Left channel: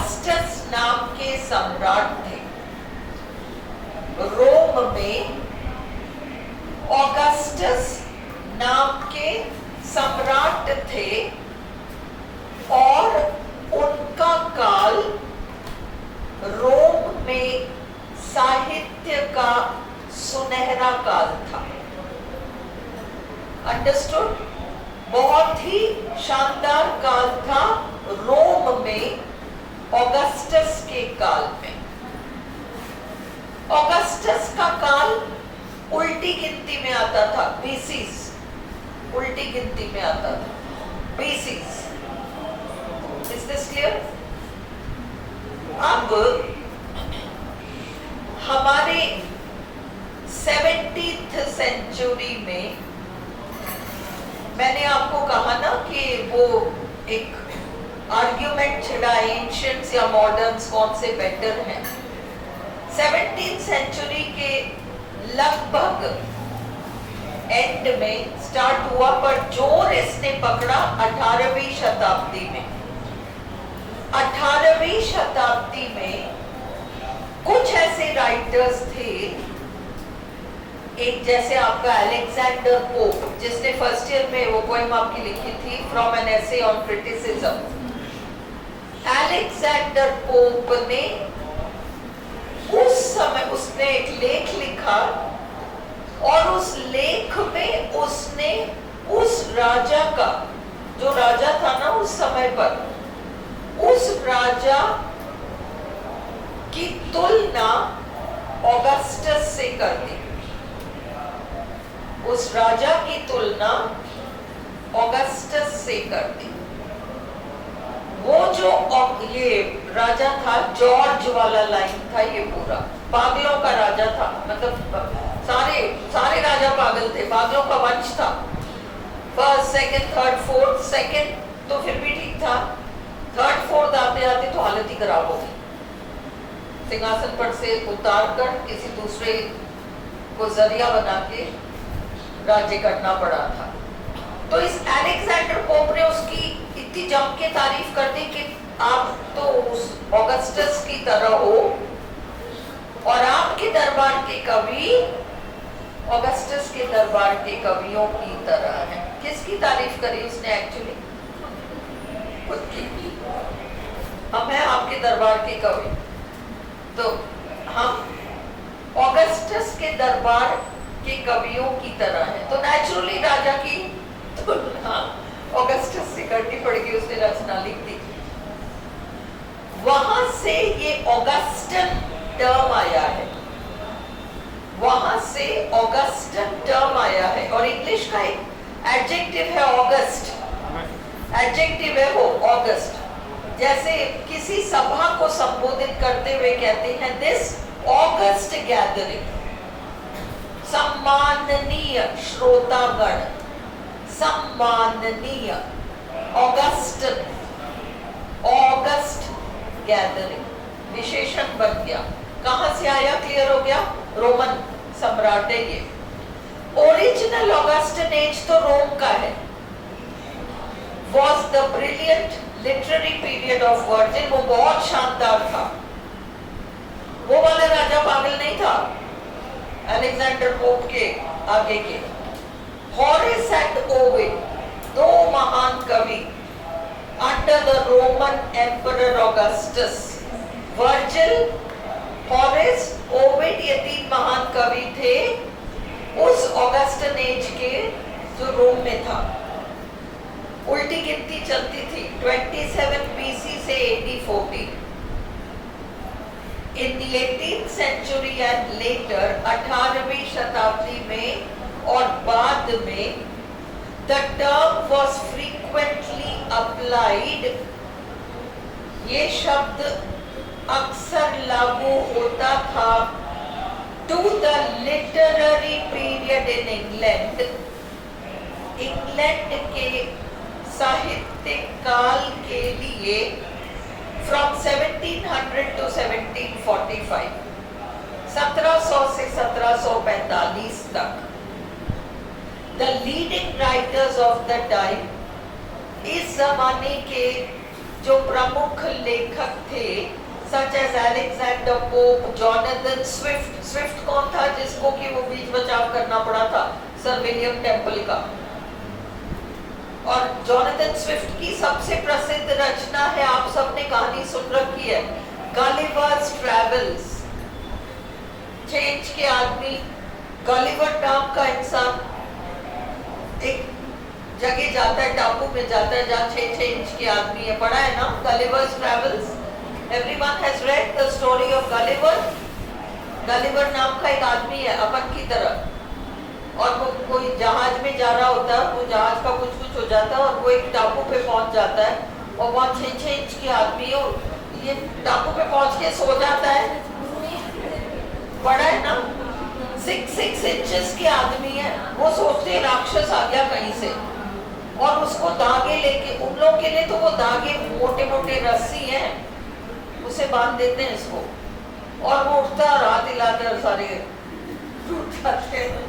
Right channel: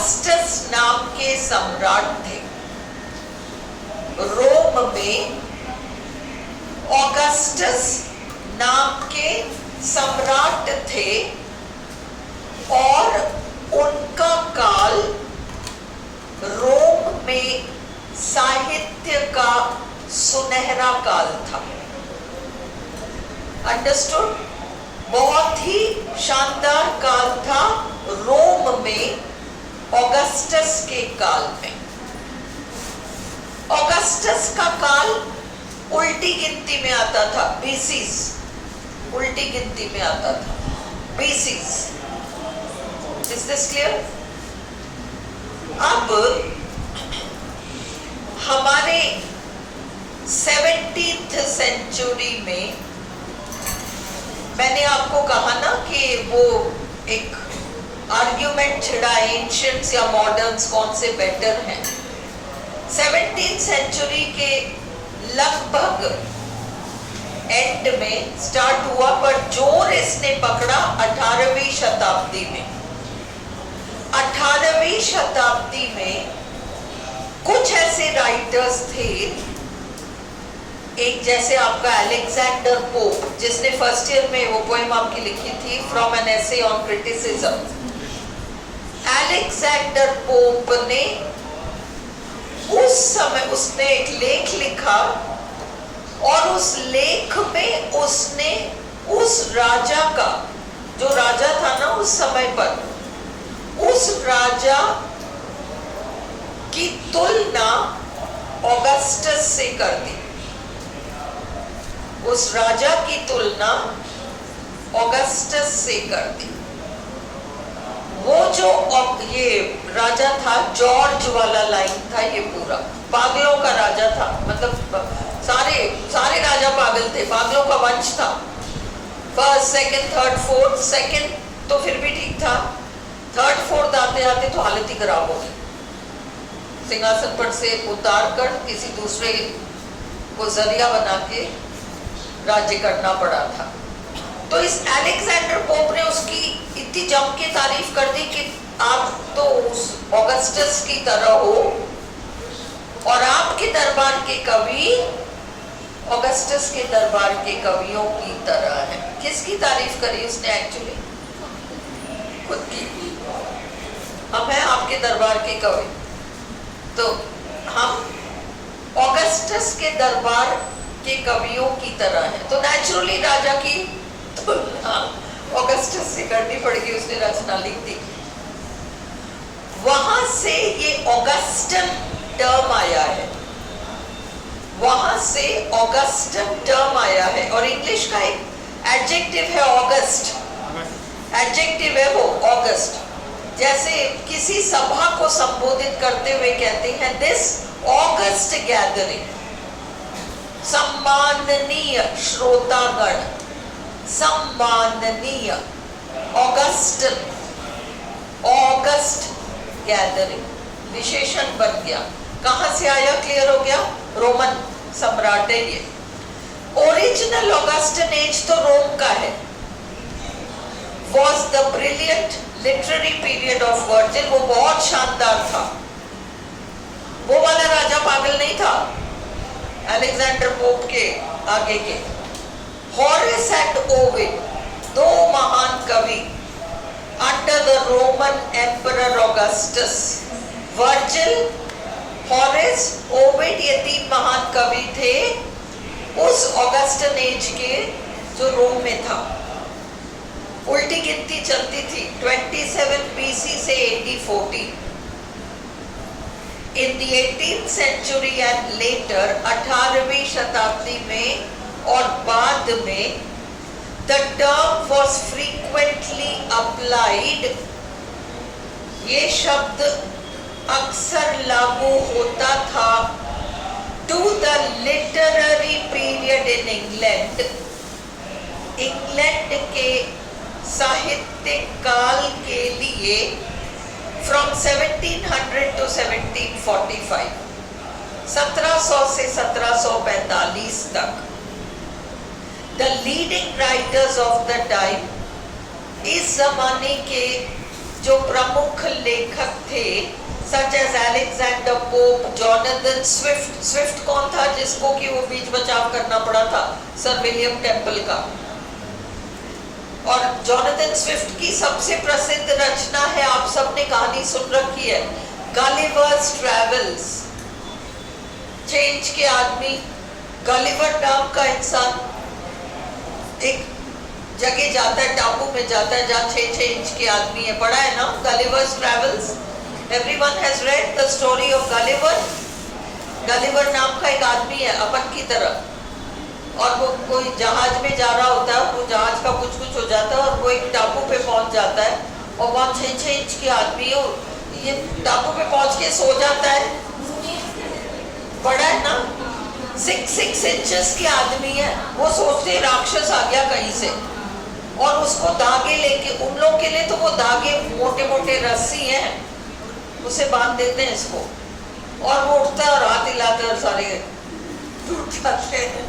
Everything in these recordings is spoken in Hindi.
ऑगस्टस नाम के सम्राट थे। रोम में ऑगस्टस नाम के सम्राट थे और उनका काल रोम में साहित्य का सुनहरा काल था। अंडरस्टूड? बहुत ही शानदार काल था रोम में ऑगस्टस के काल में। ऑगस्टस का काल उल्टी गिनती में आता था, बीसीस, उल्टी गिनती में आता था, बीसीस। Is this clear? अब हमारे 17th सेंचुरी में मैंने आपको कहा ना कि वो एक आर्ग्यूमेंट छिड़ा एंशियंट्स या मॉडर्न्स कौन से बेटर हैं। 17th सेंचुरी के लगभग एंड में स्टार्ट हुआ, पर जोर इसने पकड़ा 18वीं शताब्दी में। 18वीं शताब्दी में कुछ ऐसे राइटर्स थे, एक जैसे आपका अलेक्जेंडर पोप, जिसने फर्स्ट ईयर में वो पोएम आपकी लिखी थी from an essay on criticism. Alexander pope ने उस समय उसने एक लेख लिखा और उस लेख में उसने उस राजा का, जो राजा था ना उस समय पर, उस राजा की तुलना ऑगस्टस से कर दी। उस राजा की तुलना ऑगस्टस से कर दी। वो जो ये राजा था, जॉर्ज वाला लाइन था ये पूरा, पागलों का राजा था, मतलब सारे राजा पागल थे, पागलों का वंश था। First, second, third, fourth, second तो फिर भी ठीक था, थर्ड फोर्थ आते आते तो हालत ही खराब हो गई। सिंहासन पर से उतार कर किसी दूसरे को जरिया बना के राज्य करना पड़ा था। तो इस अलेक्जेंडर पोप ने उसकी इतनी जम के तारीफ कर दी कि आप तो उस ऑगस्टस की तरह हो और आपके दरबार के कवि ऑगस्टस के दरबार के कवियों की तरह है। किसकी तारीफ करी उसने? एक्चुअली खुद की। हम हैं आपके दरबार के कवि, तो हम ऑगस्टस के दरबार के कवियों की तरह है, तो नेचुरली राजा की तुलना ऑगस्टस से करनी पड़ेगी। उसने रचना लिख दी। वहां से ये ऑगस्टन टर्म आया है, वहां से ऑगस्टन टर्म आया है। और इंग्लिश का एक एडजेक्टिव है ऑगस्ट, एडजेक्टिव है वो ऑगस्ट। जैसे किसी सभा को संबोधित करते हुए कहते हैं दिस ऑगस्ट गैदरिंग, सम्माननीय श्रोतागण, सम्माननीय ऑगस्टन, ऑगस्ट गैदरिंग विशेषण बन गया। कहां से आया? क्लियर हो गया? रोमन सम्राट है ये। ओरिजिनल ऑगस्टन एज तो रोम का है, was the brilliant literary period of Virgil। वो बहुत शानदार था, वो वाला राजा पागल नहीं था अलेक्जेंडर पोप के आगे के। हॉरेस एंड ओविड, दो महान कवि under the Roman emperor Augustus. Virgil, Horace, Ovid, ये तीन महान कवि थे उस ऑगस्टन एज के जो रोम में था। उल्टी गिनती चलती थी 27 BC से AD 40। In the 18th century and later, 18वीं शताब्दी में और बाद में the term was frequently applied। ये शब्द अक्सर लागू होता था to the literary period in England। England के साहित्यिक काल के लिए from 1700 to 1745, 1700 से 1745 तक। The leading writers of the time, इस जमाने के जो प्रमुख लेखक थे such as Alexander Pope, Jonathan Swift. Swift कौन था? जिसको कि वो बीच बचाव करना पड़ा था सर विलियम टेम्पल का। और जॉनथन स्विफ्ट की सबसे प्रसिद्ध रचना है, आप सबने कहानी सुन रखी है, गलिवर्स ट्रेवल्स। चेंज के आदमी, गलिवर नाम का इंसान एक जगह जाता है, टापू में जाता है जहाँ 6-6 इंच के आदमी है। पढ़ा है ना Gulliver's travels? Everyone has read the story of Gulliver. Gulliver नाम का एक आदमी है अपन की तरह, और वो कोई जहाज में जा रहा होता है, वो जहाज का कुछ कुछ हो जाता है और वो एक टापू पे पहुंच जाता है, और वहाँ 6-6 इंच की आदमी है, ये टापू पे पहुंच के सो जाता है। पढ़ा है ना? 6 इंचेस के आदमी है, वो सोचते हैं राक्षस आ गया कहीं से, और उसको धागे लेके, उन लोगों के लिए तो वो धागे मोटे मोटे रस्सी हैं, उसे बांध देते हैं इसको, और वो उठता है और हाथ हिलाते और सारे टूट जाते हैं,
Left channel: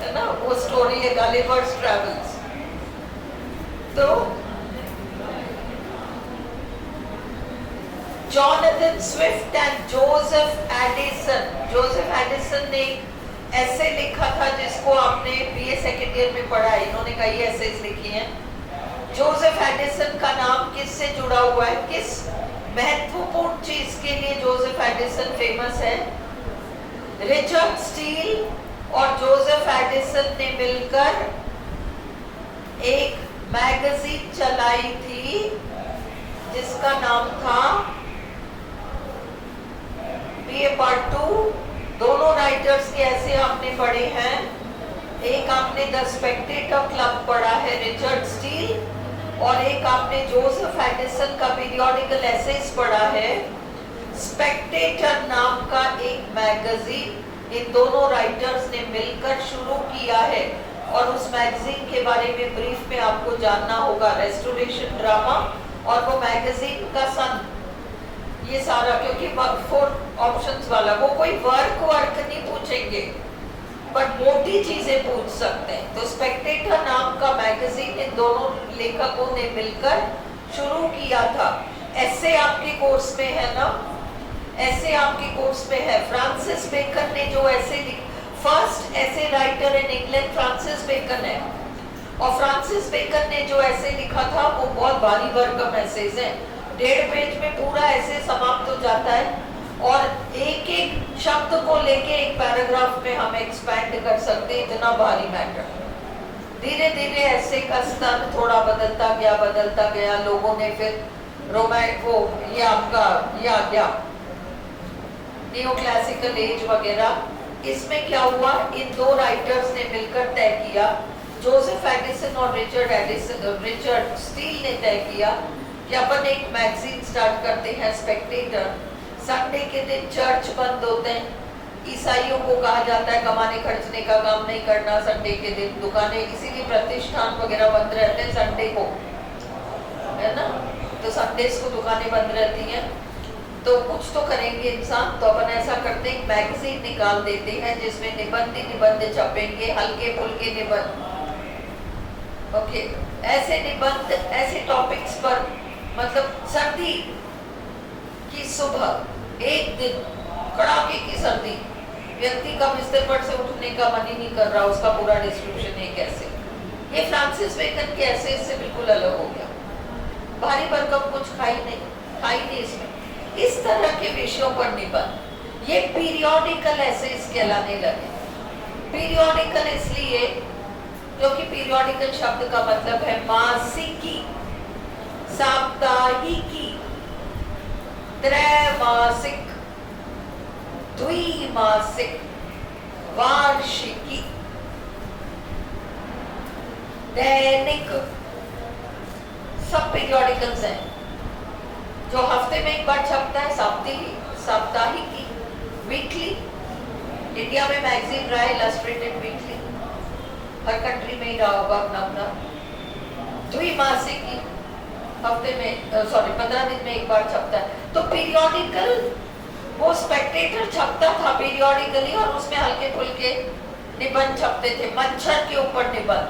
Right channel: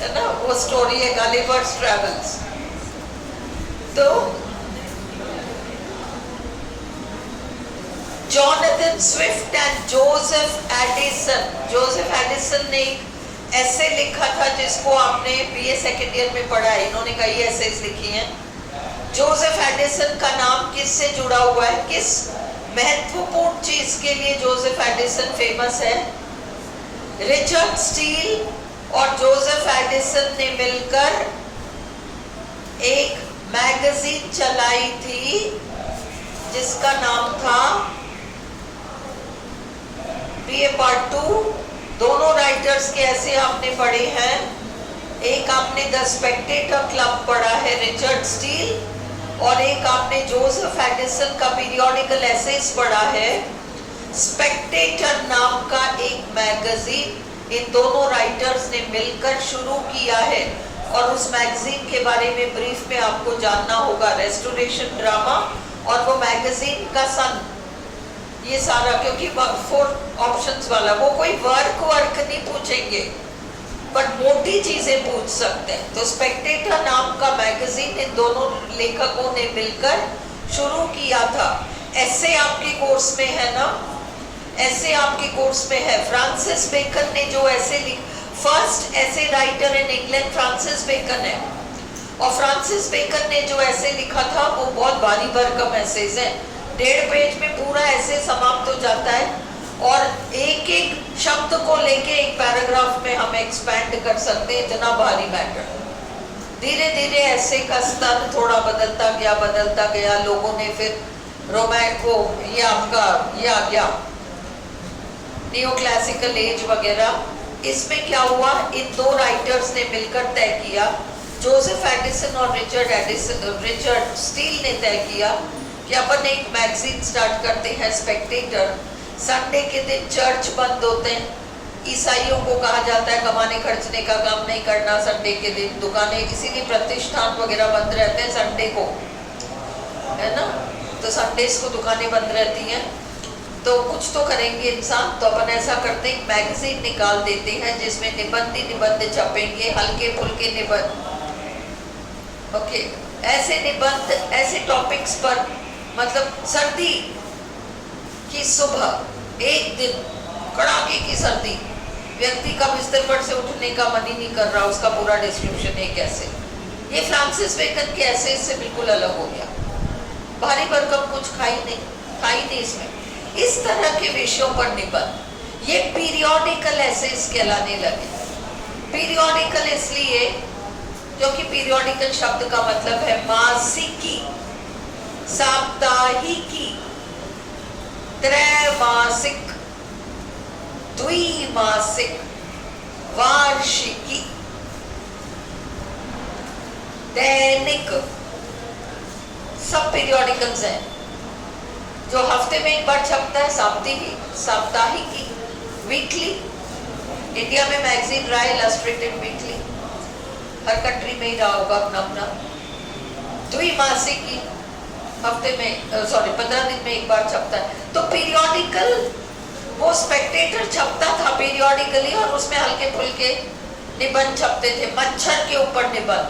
है ना? वो स्टोरी है गलिवर्स ट्रेवल्स। तो Jonathan Swift and Joseph Edison. Joseph Addison ने एक ऐसे लिखा था जिसको आपने बीए सेकेंड ईयर में पढ़ा है, इन्होंने कई ऐसेज लिखी हैं। जोसेफ एडिसन का नाम किससे जुड़ा हुआ है? किस महत्वपूर्ण चीज के लिए जोसेफ एडिसन फेमस है? रिचर्ड स्टील और जोसेफ एडिसन ने मिलकर एक मैगजीन चलाई थी जिसका नाम था बीए पार्ट 2। दोनों राइटर्स के ऐसे आपने पढ़े हैं, एक आपने द स्पेक्टेटर क्लब पढ़ा है रिचर्ड स्टील, और एक आपने जोसेफ एडिसन का पीरियोडिकल एसेज पढ़ा है। स्पेक्टेटर नाम का एक मैगजीन इन दोनों राइटर्स ने मिलकर शुरू किया है, और उस मैगजीन के बारे में ब्रीफ में आपको जानना होगा। रेस्टोरेशन ड्रामा और वो मैगजीन का सन, ये सारा, क्योंकि 4 ऑप्शंस वाला, वो कोई वर्क नहीं पूछेंगे बट मोटी चीजें पूछ सकते हैं। तो स्पेक्टेटर नाम का मैगजीन इन दोनों लेखकों ने मिलकर शुरू किया था। ऐसे आपके कोर्स में है ना, ऐसे आपके कोर्स में है। फ्रांसिस बेकन ने जो ऐसे फर्स्ट ऐसे writer in England Francis Bacon है, और फ्रांसिस बेकन ने जो ऐसे लिखा था वो बहुत भारी भरकम ऐसेज है। 1.5 पेज में पूरा ऐसे समाप्त हो जाता है, और एक एक शब्द को लेके एक पैराग्राफ में हम एक्सपैंड कर सकते हैं, इतना भारी मैटर। धीरे धीरे ऐसे का स्तर थोड़ा बदलता गया। लोगों ने फिर वो ये आपका ये आ गया नियो क्लासिकल एज वगैरह। इसमें क्या हुआ, इन 2 राइटर्स ने मिलकर तय किया, जोसेफ एडिसन और रिचर्ड स्टील ने तय किया कि अपन एक मैगजीन स्टार्ट करते हैं स्पेक्टेटर। संडे के दिन चर्च बंद होते हैं, ईसाइयों को कहा जाता है कमाने खर्चने का काम नहीं करना संडे के दिन, दुकानें इसीलिए प्रतिष्ठान वगैरह बंद रहते हैं संडे को, है ना? तो संडेज को दुकानें बंद रहती हैं, तो कुछ तो करेंगे इंसान। तो अपन ऐसा करते हैं, मैगजीन निकाल देते हैं जिसमें निबंध छपेंगे, हल्के फुल्के निबंध, ओके, ऐसे निबंध, ऐसे टॉपिक्स पर, मतलब सर्दी की सुबह एक दिन कड़ाके की सर्दी, व्यक्ति का बिस्तर पर से उठने का मन ही नहीं कर रहा, उसका पूरा डिस्क्रिप्शन है कैसे। ये फ्रांसिस बेकन के ऐसे इससे बिल्कुल अलग हो गया, भारी भरकम कुछ था ही नहीं इसमें। इस तरह के विषयों पर निबंध ये पीरियोडिकल एसेज कहलाने लगे। पीरियोडिकल इसलिए क्योंकि पीरियोडिकल शब्द का मतलब है मासिकी, साप्ताहिकी, त्रैमासिक, द्विमासिक, वार्षिकी, दैनिक, सब पीरियोडिकल्स हैं। जो हफ्ते में एक बार छपता है साप्ताहिकी, वीकली। इंडिया में मैगजीन रहा है इलस्ट्रेटेड वीकली, हर कंट्री में ही रहा होगा अपना। द्विमासिकी, हफ्ते में 15 दिन में एक बार छपता है। तो पीरियोडिकल, वो स्पेक्टेटर छपता था पीरियोडिकली, और उसमें हल्के फुल्के निबंध छपते थे। मच्छर के ऊपर निबंध,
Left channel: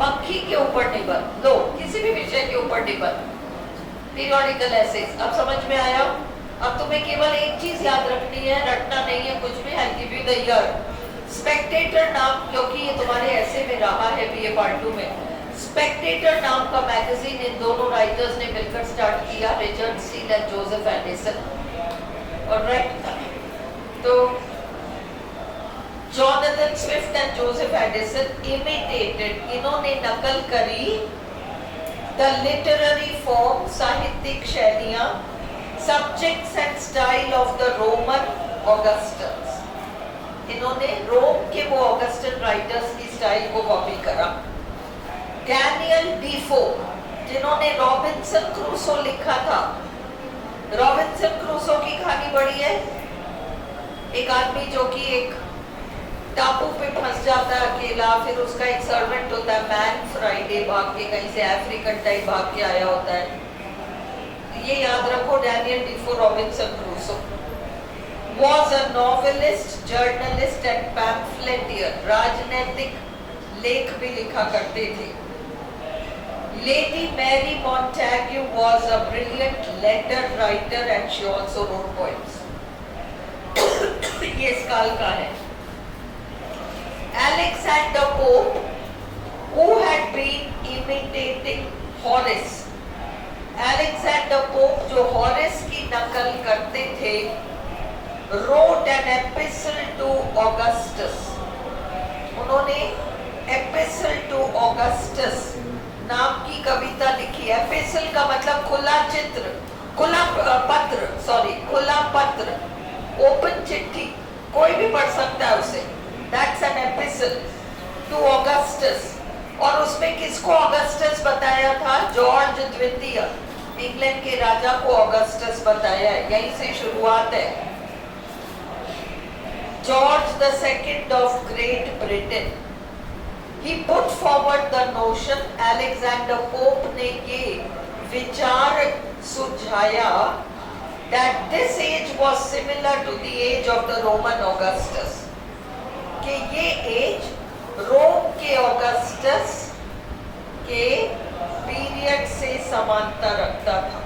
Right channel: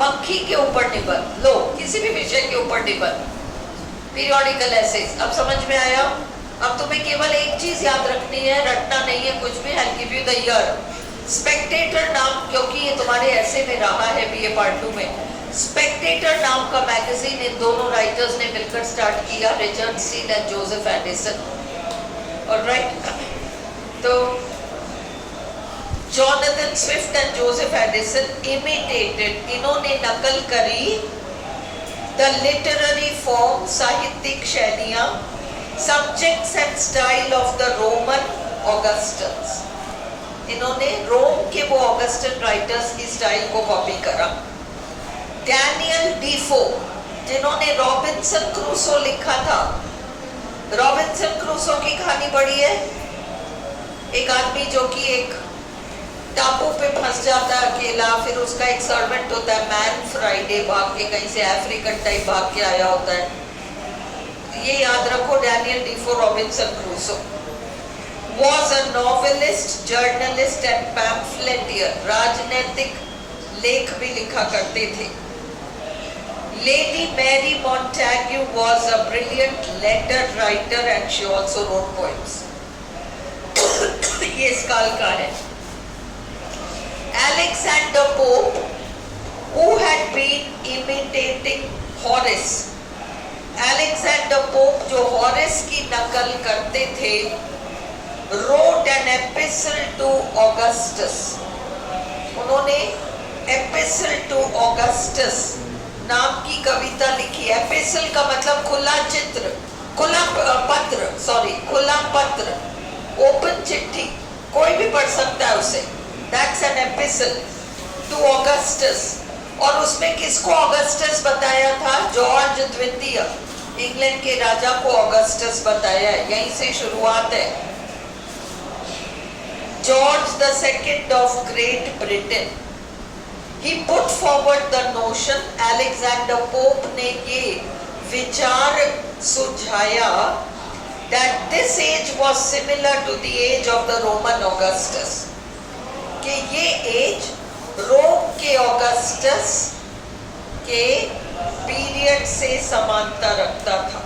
मक्खी के ऊपर निबंध, लो किसी भी विषय के ऊपर निबंध, पीरियोडिकल एसेज। अब समझ में आया? अब तुम्हें केवल एक चीज याद रखनी है, रटना नहीं है कुछ भी। I'll give you the year। Spectator नाम, क्योंकि ये तुम्हारे ऐसे में रहा है बीए पार्ट 2 में, स्पेक्टेटर नाम का मैगजीन इन दोनों राइटर्स ने मिलकर स्टार्ट किया, Richard Steele and Joseph Addison. Alright, तो Jonathan Swift and Joseph Addison imitated, इन्होंने नकल करी द लिटरेरी फॉर्म, साहित्यिक शैलियां, subjects and style of the Roman Augustans. इन्होंने रोम के वो ऑगस्टन राइटर्स की स्टाइल को कॉपी करा। डैनियल डीफो, जिन्होंने रॉबिन्सन क्रूसो लिखा था। रॉबिन्सन क्रूसो की कहानी पढ़ी है? एक आदमी जो कि एक टापू पे फंस जाता है अकेला, फिर उसका एक सर्वेंट होता है मैन फ्राइडे, भाग के कहीं से अफ्रीकन टाइप भाग के आया होता है। ये याद रखो, Daniel Defoe Robinson Crusoe. Was a novelist, journalist and pamphleteer, राजनीतिक लेख भी लिखा करते थे। Lady Mary Montagu was a brilliant letter writer and she also wrote poems। ये इस काल का है। Alexander Pope, who had been imitating Horace, Alexander Pope जो हॉरेस की नकल करते थे, wrote an epistle to Augustus। उन्होंने epistle to Augustus नाम की कविता लिखी। एपिसल का मतलब खुला चित्र, खुला पत्र, सॉरी खुला पत्र, ओपन चिट्ठी, कोई भी पढ़ सकता है उसे। That's an epistle to Augustus। और उसमें किसको ऑगस्टस बताया था? जॉर्ज द्वितीय, इंग्लैंड के राजा को ऑगस्टस बताया है, यहीं से शुरुआत है। George the Second of Great Britain, he put forward the notion, Alexander Pope ने ये विचार सुझाया that this age was similar to the age of the Roman Augustus, कि ये एज रोम के ऑगस्टस के पीरियड से समानता रखता था।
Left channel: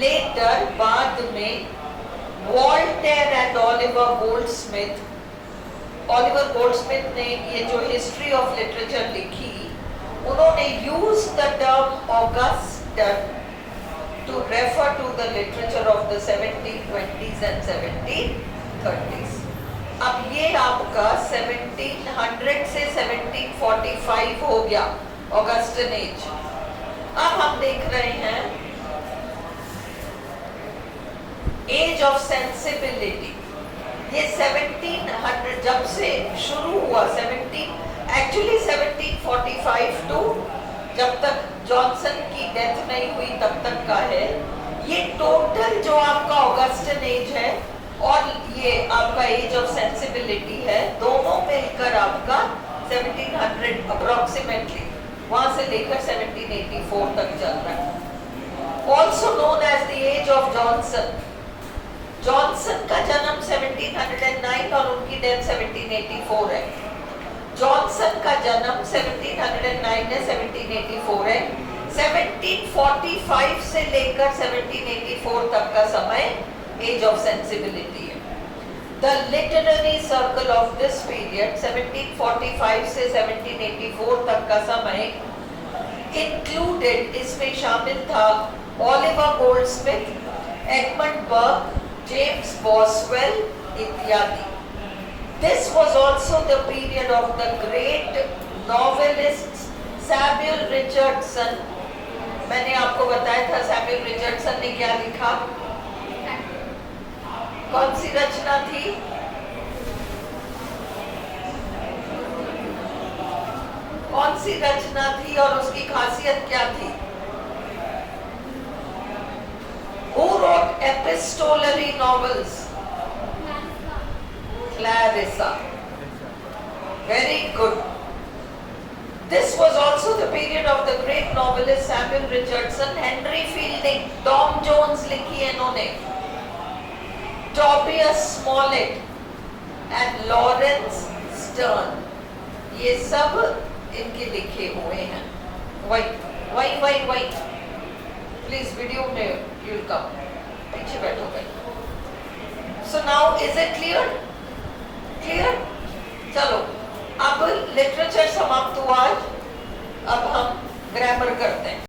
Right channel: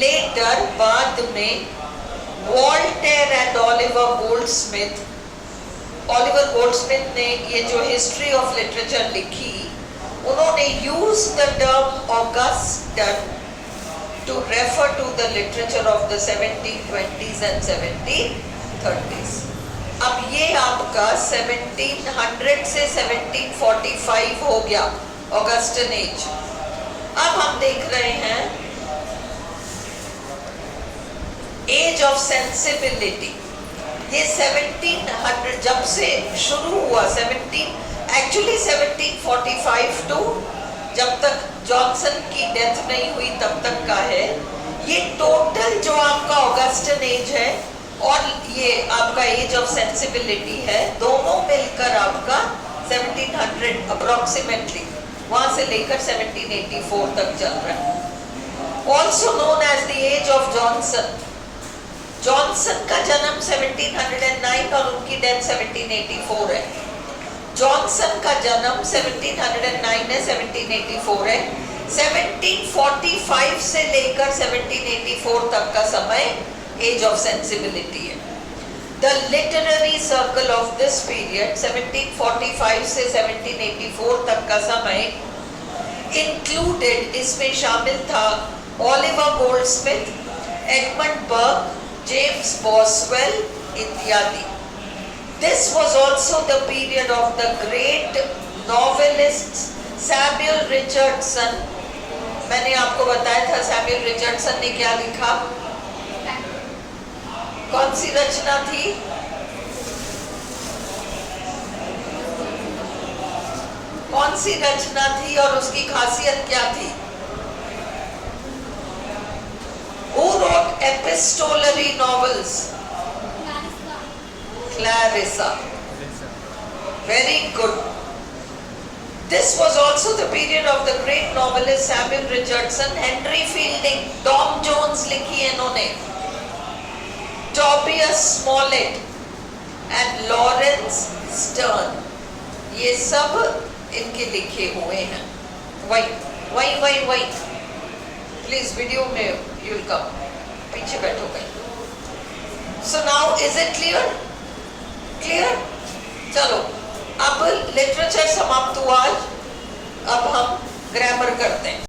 लेटर, बाद में, Voltaire and Oliver Goldsmith, Oliver Goldsmith ने ये जो हिस्ट्री ऑफ लिटरेचर लिखी, उन्होंने use the term Augustan to refer to the literature of the 1720s and 1730s। अब ये आपका 1700 से 1745 हो गया ऑगस्टन एज। अब हम देख रहे हैं एज ऑफ सेंसिबिलिटी। ये 1700 जब से शुरू हुआ, 1745 टू जब तक जॉनसन की डेथ नहीं हुई तब तक का है। ये टोटल जो आपका ऑगस्टन एज है और ये आपका एज ऑफ सेंसिबिलिटी है, दोनों मिलकर आपका 1700 अप्रोक्सीमेटली, वहां से लेकर 1784 तक चल रहा है। Also known as the age of Johnson. Johnson का जन्म 1709 और उनकी डेथ 1784 है। जॉनसन का जन्म 1709 है, 1784 है। 1745 से लेकर 1784 तक का समय एज ऑफ सेंसिबिलिटी है। The literary circle of this period 1745 से 1784 तक का समय इंक्लूडेड, इसमें शामिल था Oliver Goldsmith, Edmund Burke, James Boswell इत्यादि। This was also the period of the great novelist Samuel Richardson। मैंने आपको बताया था सैमुअल रिचर्डसन ने क्या लिखा, कौन सी रचना थी? कौन सी रचना थी और उसकी खासियत क्या थी? Who wrote epistolary novels? Clarissa। Very good। This was also the period of the great novelist Samuel Richardson, Henry Fielding, Tom Jones लिखी है इन्होंने, Tobias Smollett and Lawrence Sterne, ये सब इनके लिखे हुए हैं। वही प्लीज वीडियो में यू विल कम, पीछे बैठो भाई। So now is it clear? Clear? चलो अब लिटरेचर समाप्त हुआ, अब हम ग्रामर करते हैं।